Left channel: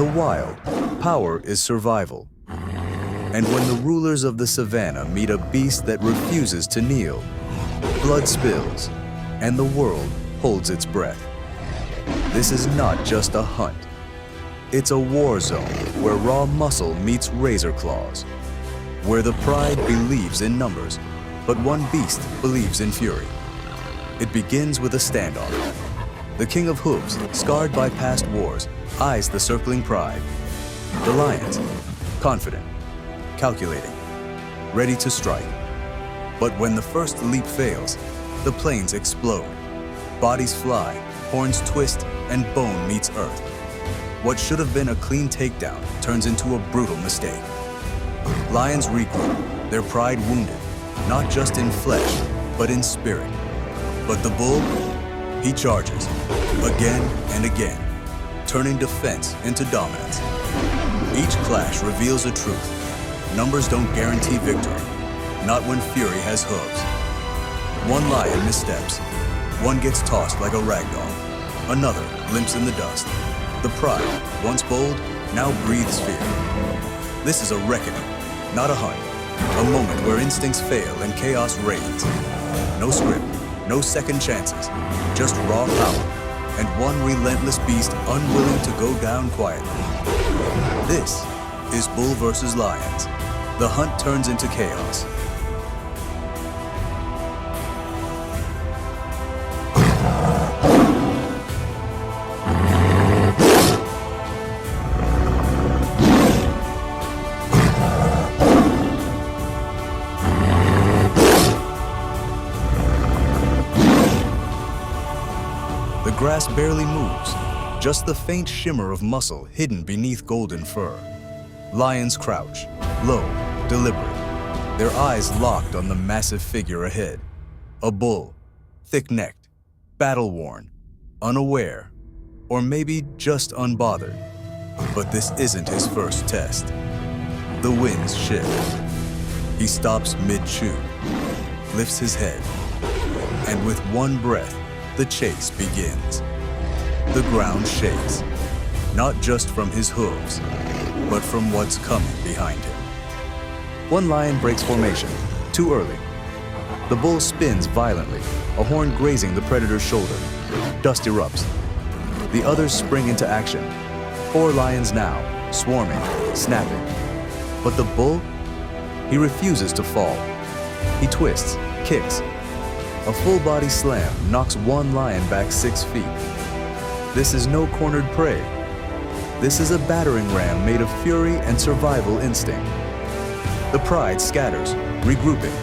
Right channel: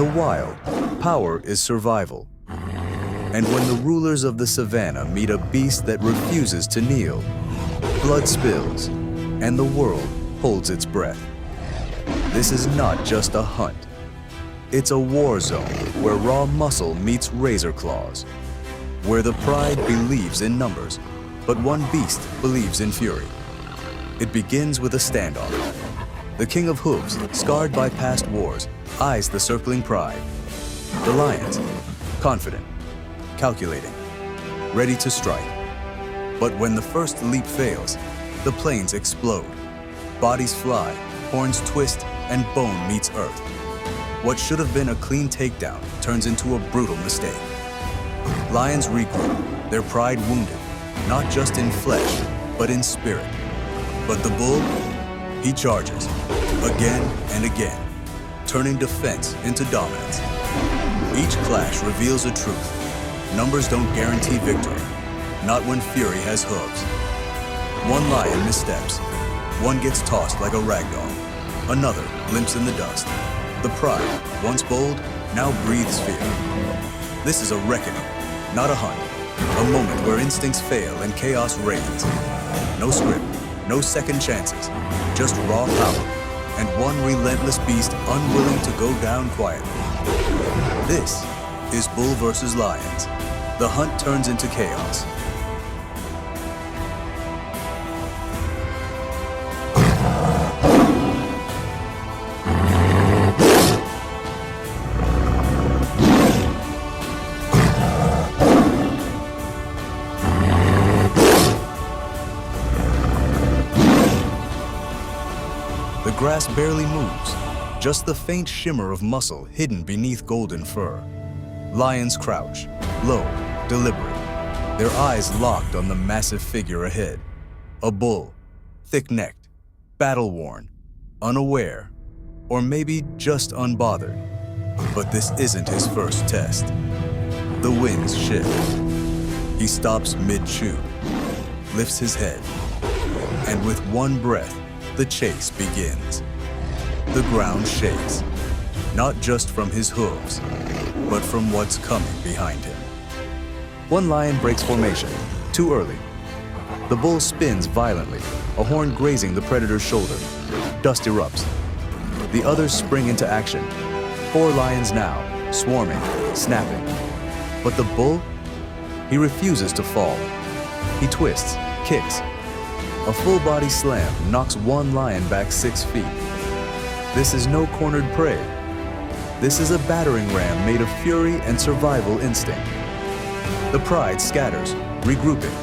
the wild, power is survival. And when the rulers of the savannah meet a beast that refuses to kneel, blood spills, and the world holds its breath. This is not just a hunt. It's a war zone where raw muscle meets razor claws, where the pride believes in numbers, but one beast believes in fury. It begins with a standoff. The king of hooves, scarred by past wars, eyes the circling pride. The lions, confident, calculating, ready to strike. But when the first leap fails, the plains explode. Bodies fly, horns twist, and bone meets earth. What should have been a clean takedown turns into a brutal mistake. Lions regroup, their pride wounded, not just in flesh, but in spirit. But the bull, he charges, again and again, turning defense into dominance. Each clash reveals a truth. Numbers don't guarantee victory, not when fury has hooves. One lion missteps, one gets tossed like a ragdoll, another limps in the dust. The pride, once bold, now breathes fear. This is a reckoning, not a hunt, a moment where instincts fail and chaos reigns. No script, no second chances, just raw power, and one relentless beast unwilling to go down quietly. This is bull versus lions. The hunt turns into chaos. The grass barely moves, just the faint shimmer of muscle hidden beneath golden fur. Lions crouch, low, deliberate, their eyes locked on the massive figure ahead. A bull, thick-necked, battle-worn, unaware, or maybe just unbothered. But this isn't his first test. The winds shift. He stops mid-chew, lifts his head, and with one breath, the chase begins. The ground shakes, not just from his hooves, but from what's coming behind him. One lion breaks formation, too early. The bull spins violently, a horn grazing the predator's shoulder. Dust erupts. The others spring into action. 4 lions now, swarming, snapping. But the bull? He refuses to fall. He twists, kicks. A full-body slam knocks one lion back 6 feet. This is no cornered prey. This is a battering ram made of fury and survival instinct. The pride scatters, regrouping.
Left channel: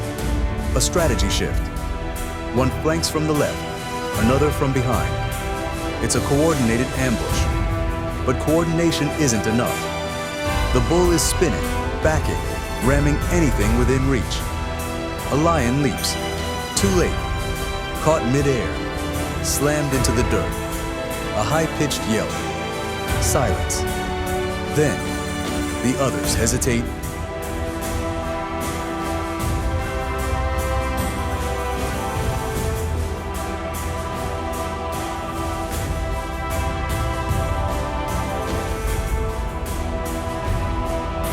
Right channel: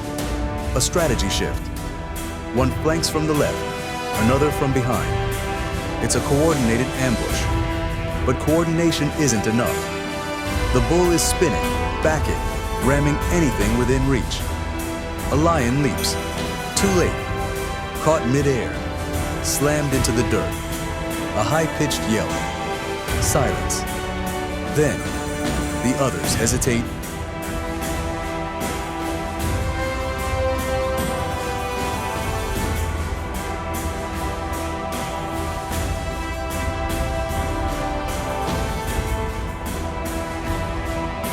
A strategy shift. One flanks from the left, another from behind. It's a coordinated ambush. But coordination isn't enough. The bull is spinning, backing, ramming anything within reach. A lion leaps, too late, caught midair, slammed into the dirt. A high-pitched yelp. Silence. Then, the others hesitate.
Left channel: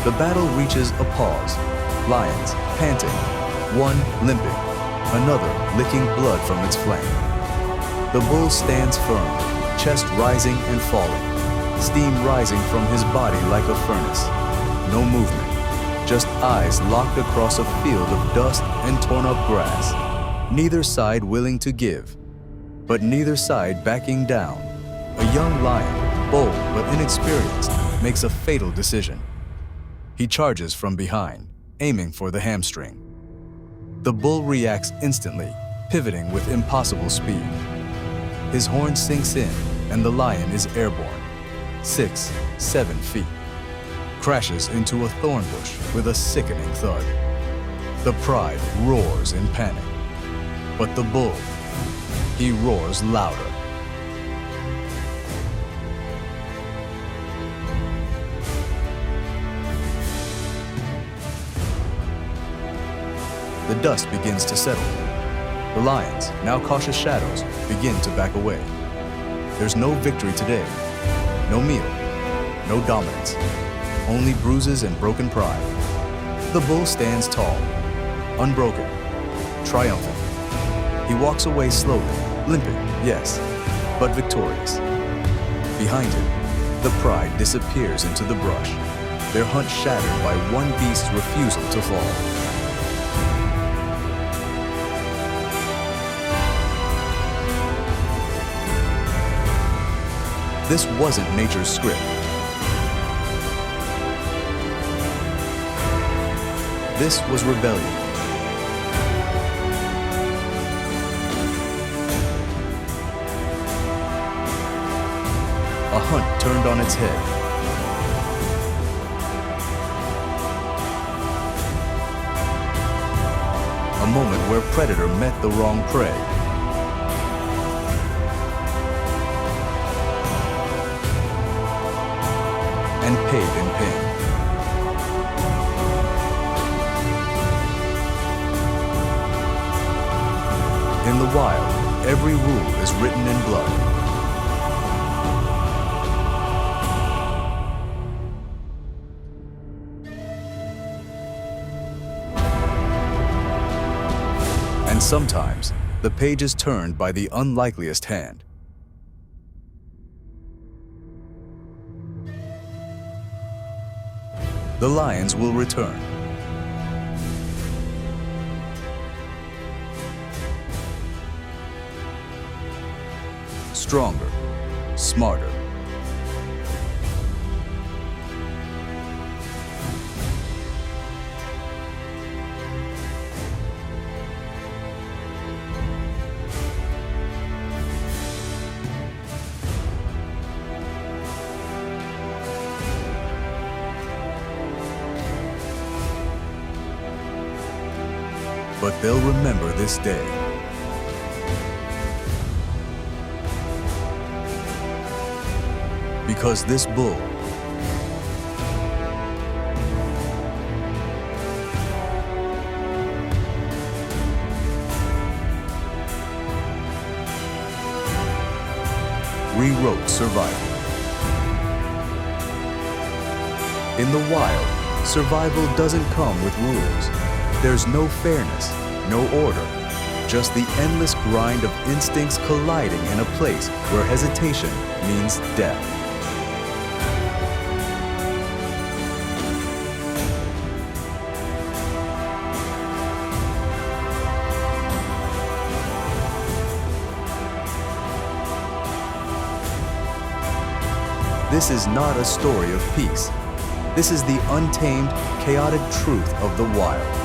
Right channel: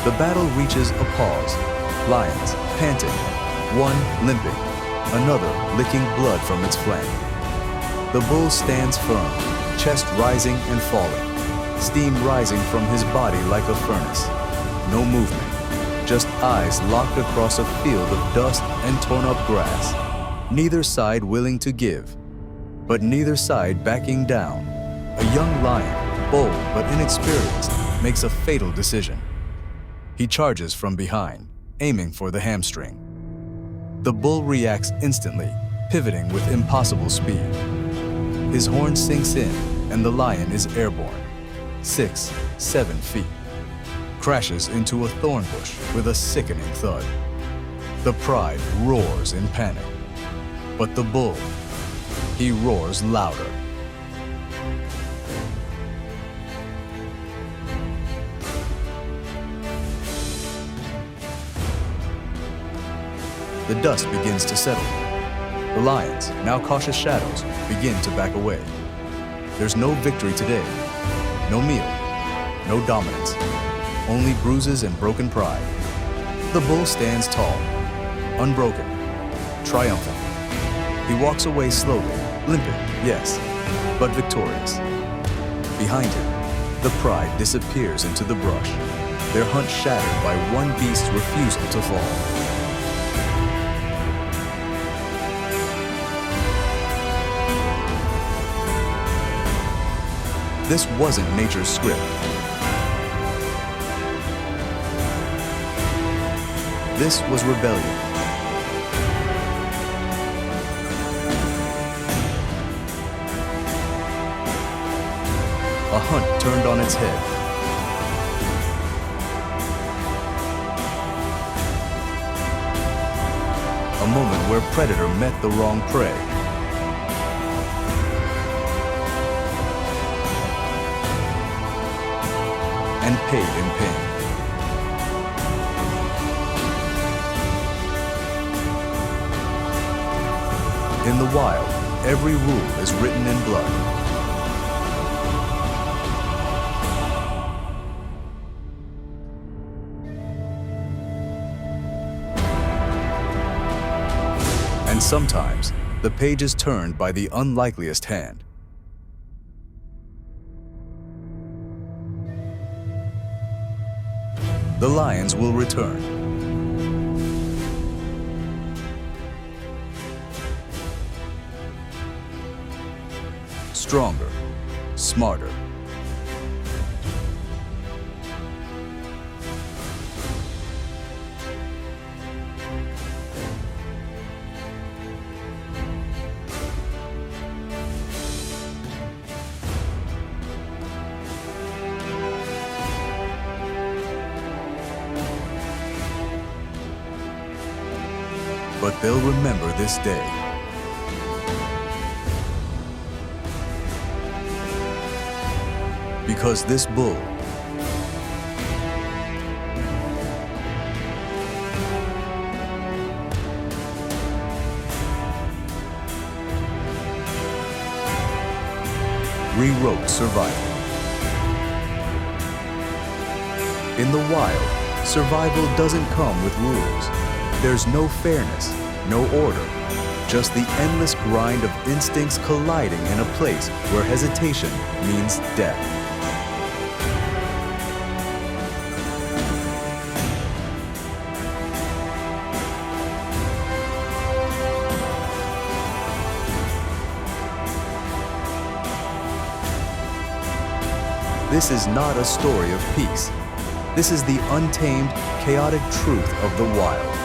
The battle reaches a pause. Lions, panting, one limping, another licking blood from its flank. The bull stands firm, chest rising and falling, steam rising from his body like a furnace. No movement, just eyes locked across a field of dust and torn up grass. Neither side willing to give, but neither side backing down. A young lion, bold but inexperienced, makes a fatal decision. He charges from behind, aiming for the hamstring. The bull reacts instantly, pivoting with impossible speed. His horn sinks in, and the lion is airborne, 6, 7 feet. Crashes into a thorn bush with a sickening thud. The pride roars in panic. But the bull, he roars louder. The dust begins to settle. The lions, now cautious shadows, begin to back away. There's no victory today, no meal, no dominance, only bruises and broken pride. The bull stands tall, unbroken, triumphant. He walks away slowly, limping, yes, but victorious. Behind him, the pride disappears into the brush, their hunt shattered by one beast's refusal to fall. This wasn't nature's script. This was rebellion. A hunt turned on its head. A moment where predator met the wrong prey. And paid in pain. In the wild, every rule is written in blood. And sometimes, the page is turned by the unlikeliest hand. The lions will return. Stronger, smarter. But they'll remember this day. Because this bull rewrote survival. In the wild, survival doesn't come with rules. There's no fairness, no order, just the endless grind of instincts colliding in a place where hesitation means death. This is not a story of peace. This is the untamed, chaotic truth of the wild.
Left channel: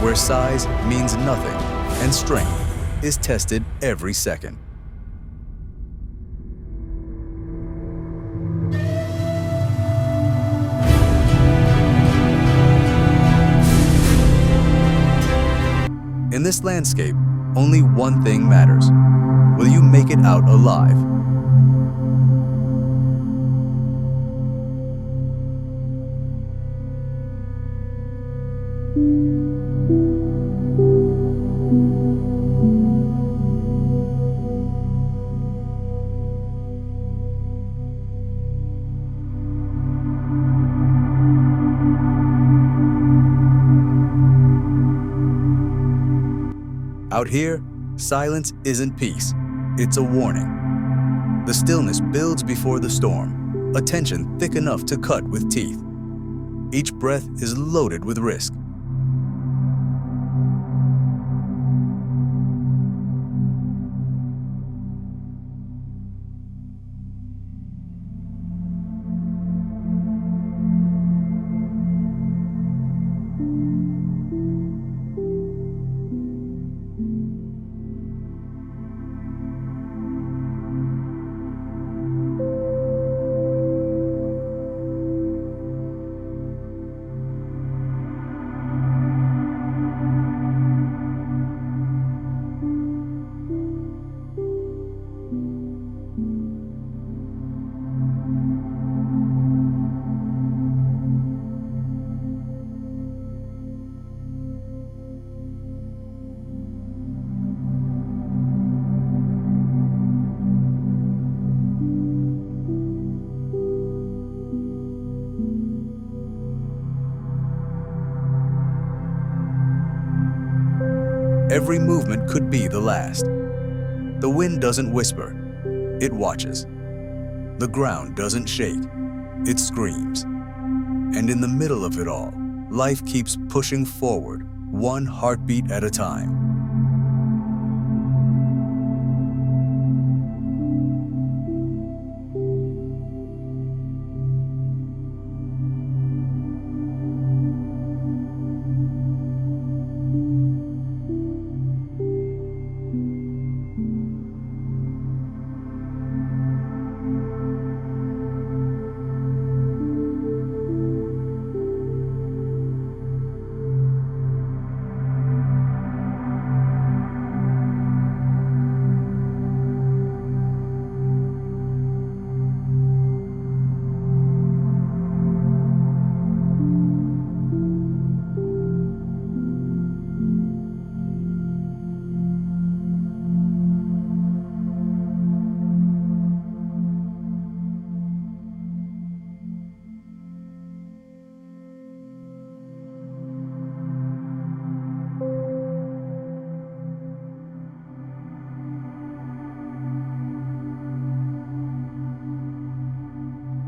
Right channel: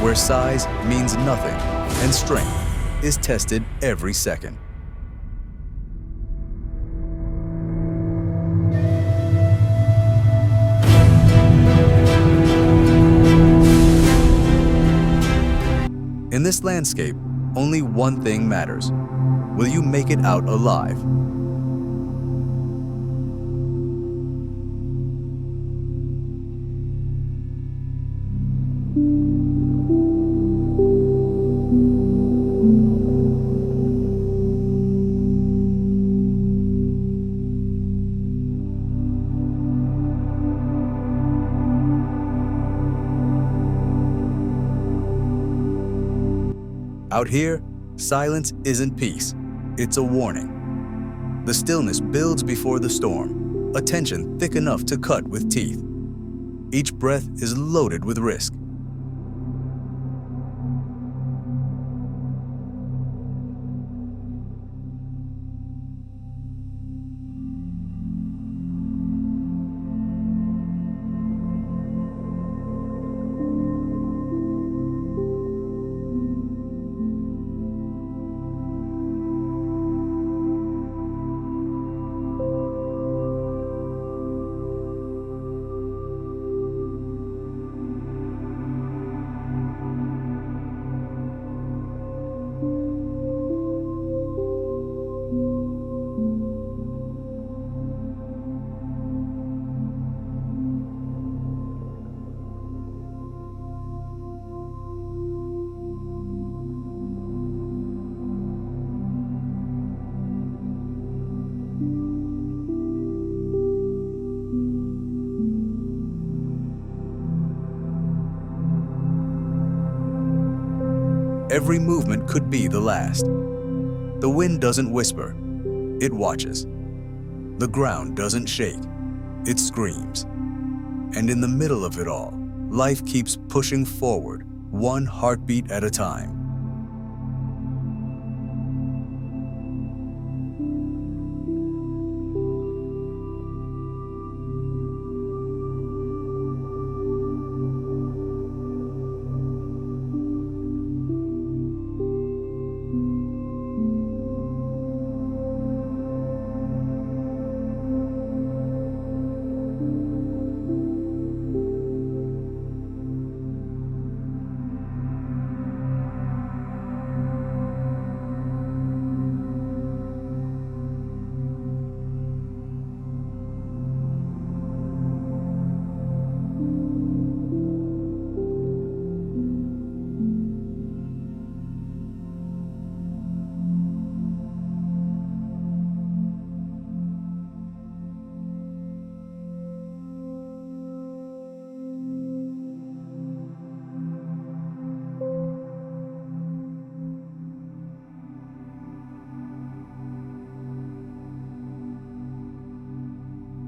Where size means nothing and strength is tested every second. In this landscape, only one thing matters. Will you make it out alive? Out here, silence isn't peace, it's a warning. The stillness builds before the storm, a tension thick enough to cut with teeth. Each breath is loaded with risk. Every movement could be the last. The wind doesn't whisper, it watches. The ground doesn't shake, it screams. And in the middle of it all, life keeps pushing forward, one heartbeat at a time.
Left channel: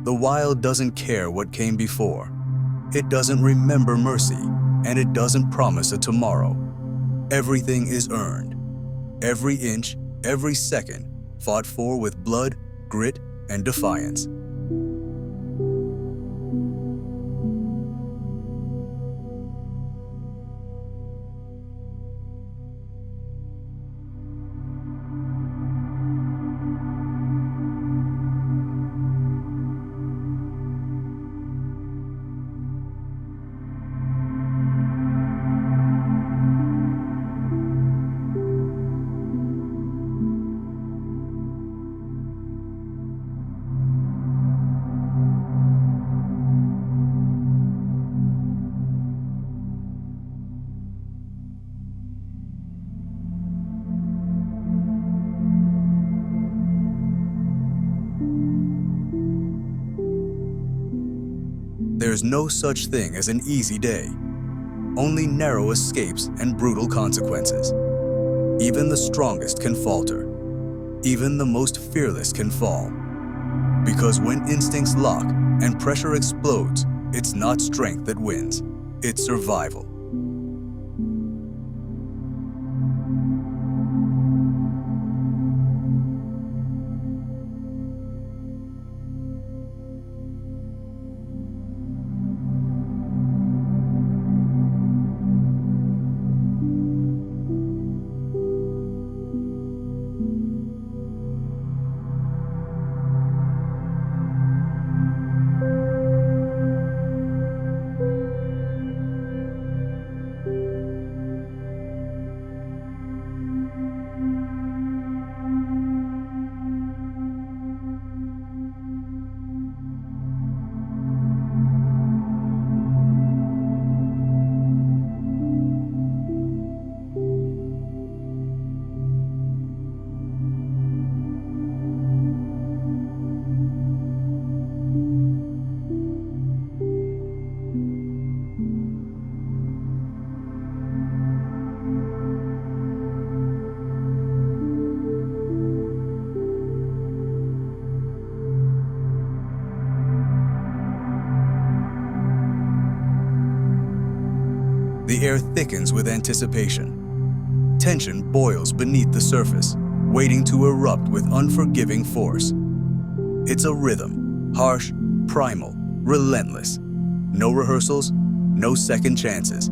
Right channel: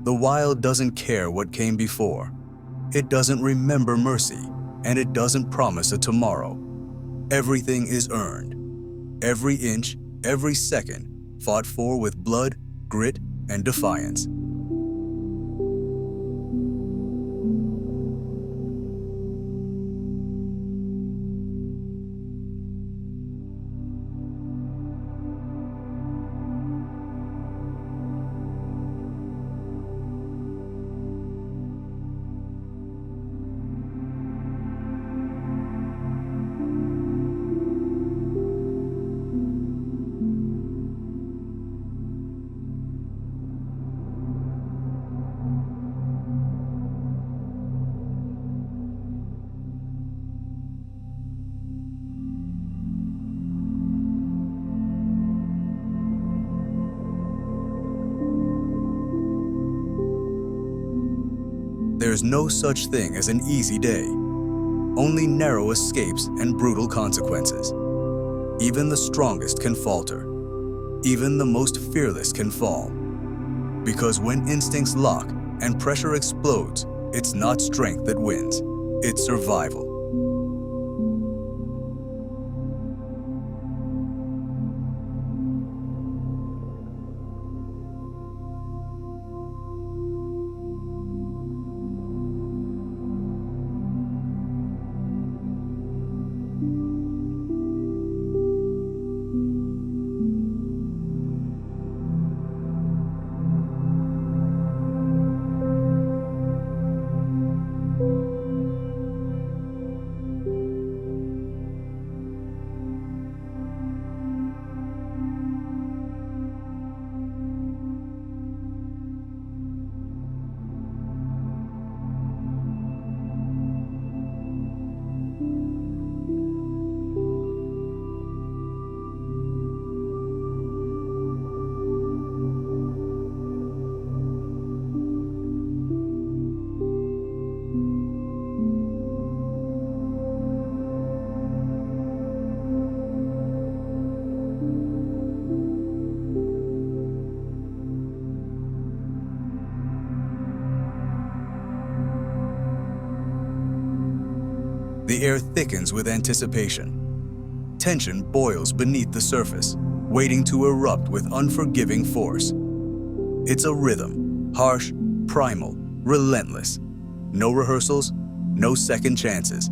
The wild doesn't care what came before. It doesn't remember mercy, and it doesn't promise a tomorrow. Everything is earned. Every inch, every second, fought for with blood, grit, and defiance. There's no such thing as an easy day. Only narrow escapes and brutal consequences. Even the strongest can falter. Even the most fearless can fall. Because when instincts lock and pressure explodes, it's not strength that wins, it's survival. The air thickens with anticipation. Tension boils beneath the surface, waiting to erupt with unforgiving force. It's a rhythm, harsh, primal, relentless. No rehearsals, no second chances.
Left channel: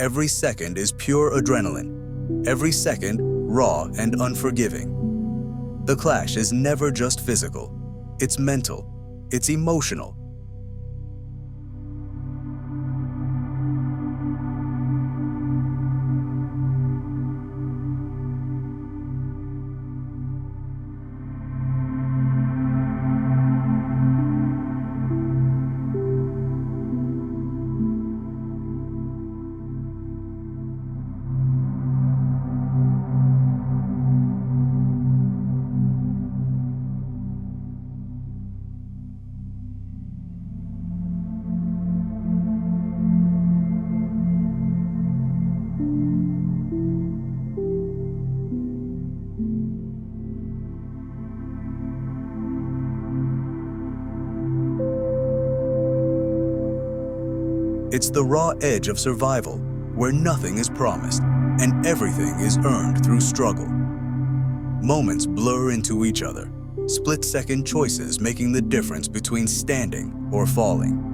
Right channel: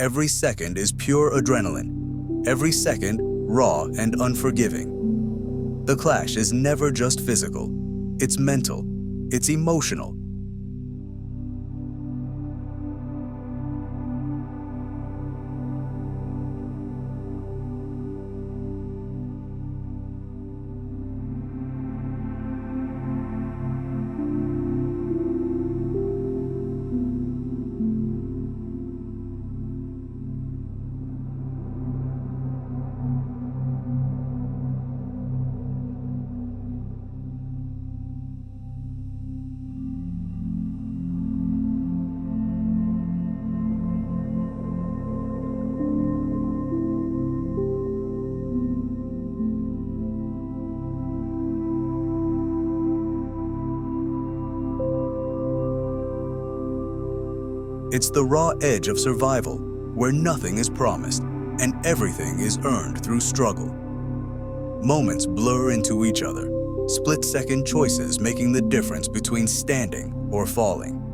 Every second is pure adrenaline. Every second, raw and unforgiving. The clash is never just physical. It's mental. It's emotional. It's the raw edge of survival, where nothing is promised and everything is earned through struggle. Moments blur into each other, split-second choices making the difference between standing or falling.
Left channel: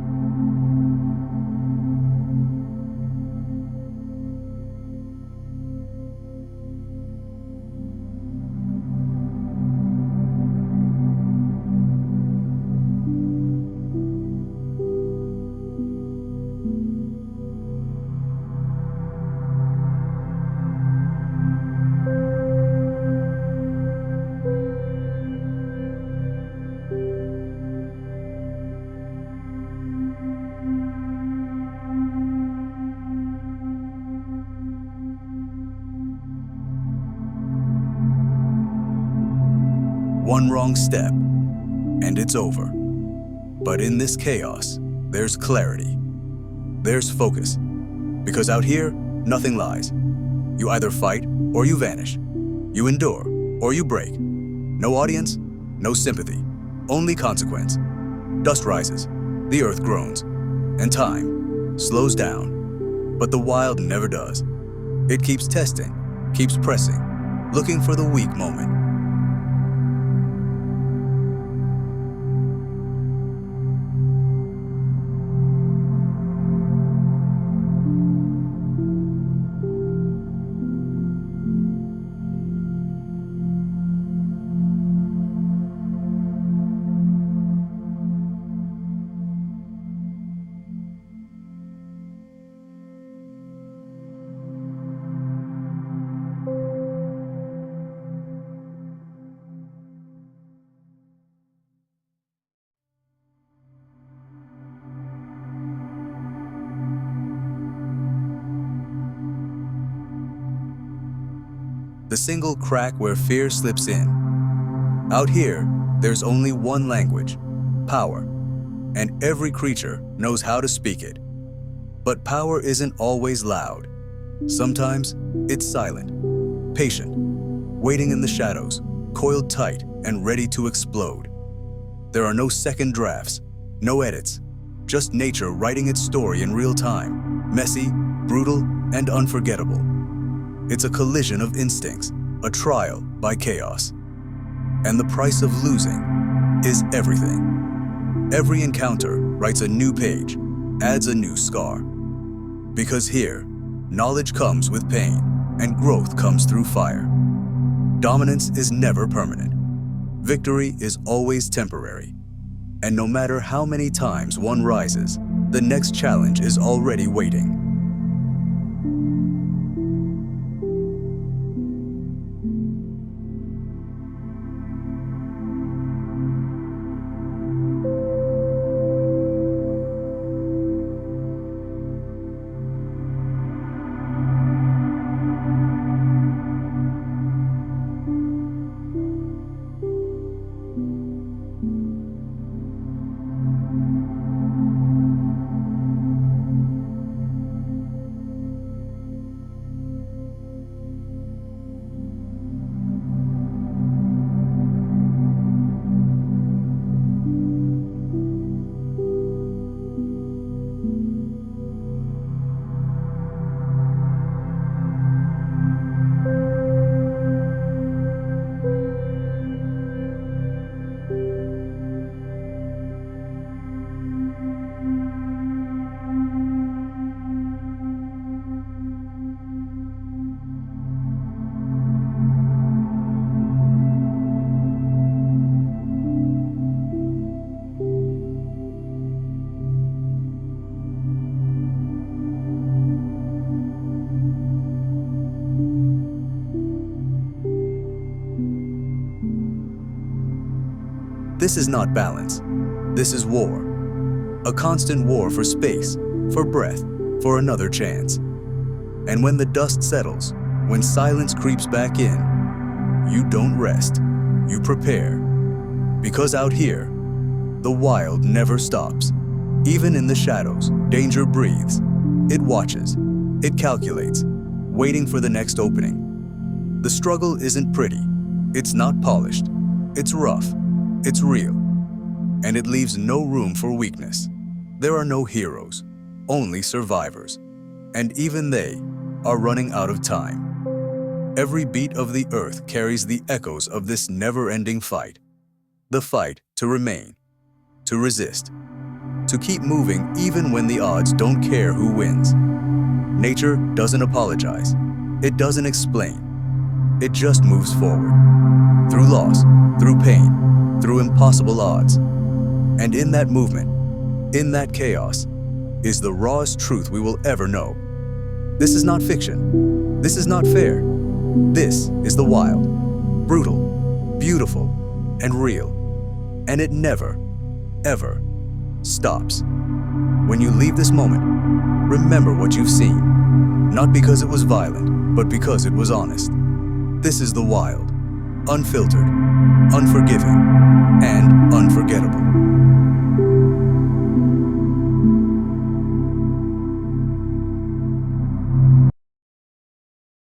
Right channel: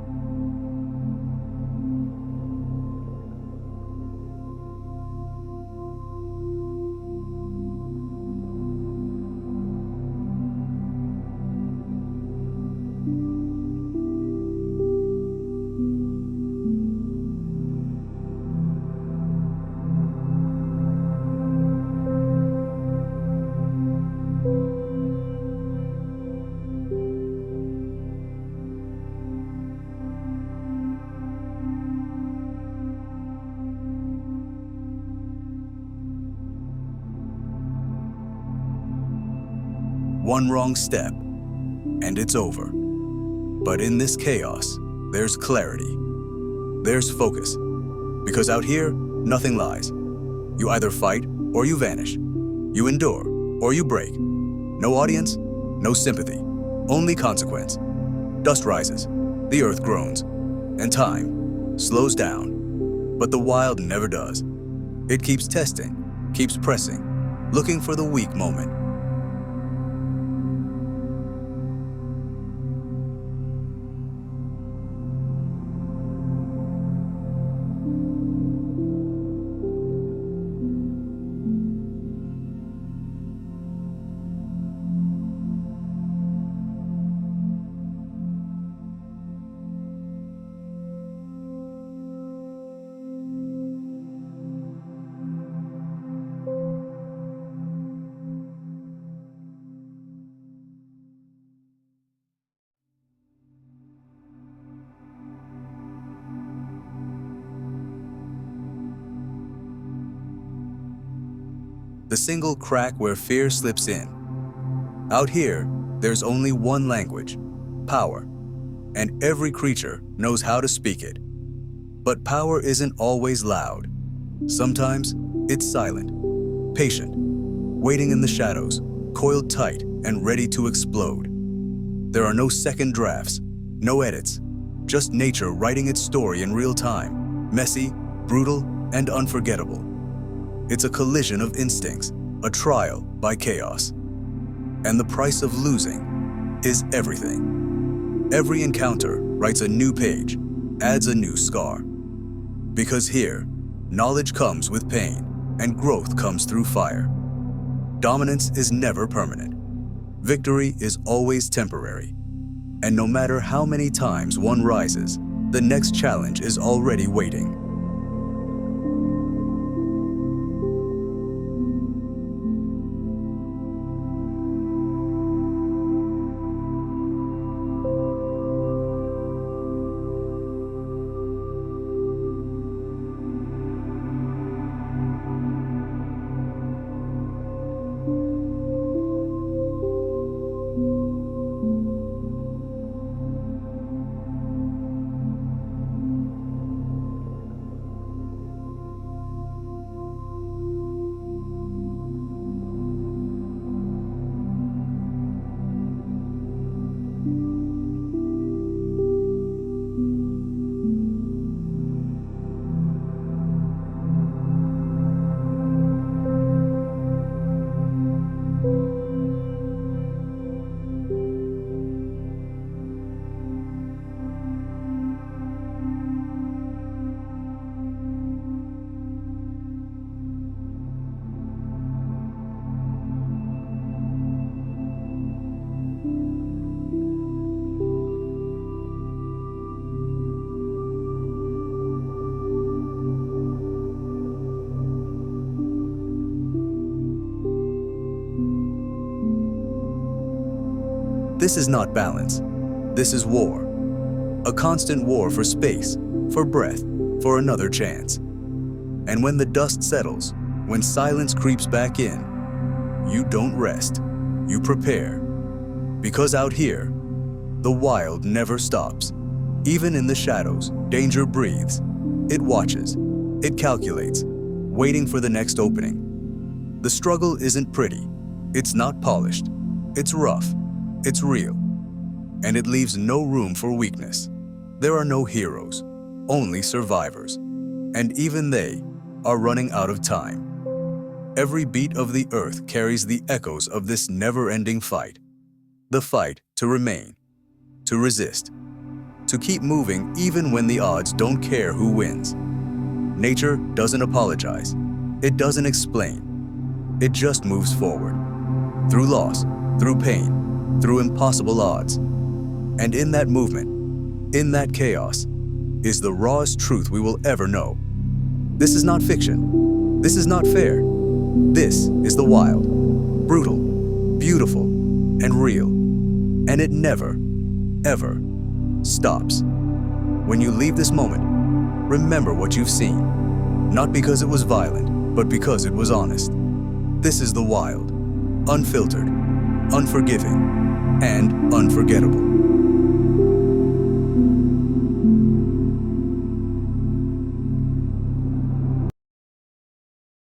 One wrong step, and it's over. But in this chaos, there's clarity. There's focus. Because out here, nothing lies. You either fight or you vanish. You endure or you break. No audience, no sympathy, only consequence. Dust rises, the earth groans, and time slows down. But the wild never does. It keeps testing, keeps pressing, looking for the weak moment. The single crack where fear slips in. Out here, there's only one language, power, and every creature knows how to speak it. But power isn't always loud. Sometimes it's silent, patient, waiting in the shadows, coiled tight and ready to explode. There are no second drafts, no edits, just nature writing its story in real time, messy, brutal, and unforgettable. It's a collision of instincts, a trial by chaos. And the price of losing is everything. Every encounter writes a new page, adds a new scar. Because here, knowledge comes with pain, and growth comes through fire. Dominance is never permanent. Victory is always temporary. And no matter how many times one rises, the next challenge is already waiting. This is not balance. This is war. A constant war for space, for breath, for another chance. And when the dust settles, when silence creeps back in, you don't rest, you prepare. Because out here, the wild never stops. Even in the shadows, danger breathes. It watches, it calculates, waiting for the next opening. The struggle isn't pretty, it's not polished, it's rough, it's real, and it leaves no room for weakness. There are no heroes, only survivors. And even they are running out of time. Every beat of the earth carries the echoes of this never-ending fight. The fight to remain, to resist, to keep moving even when the odds don't care who wins. Nature doesn't apologize. It doesn't explain. It just moves forward. Through loss, through pain, through impossible odds. And in that movement, in that chaos, is the rawest truth we will ever know. This is not fiction. This is not fair. This is the wild, brutal, beautiful, and real. And it never, ever stops. When you leave this moment, remember what you've seen. Not because it was violent, but because it was honest. This is the wild, unfiltered, unforgiving, and unforgettable.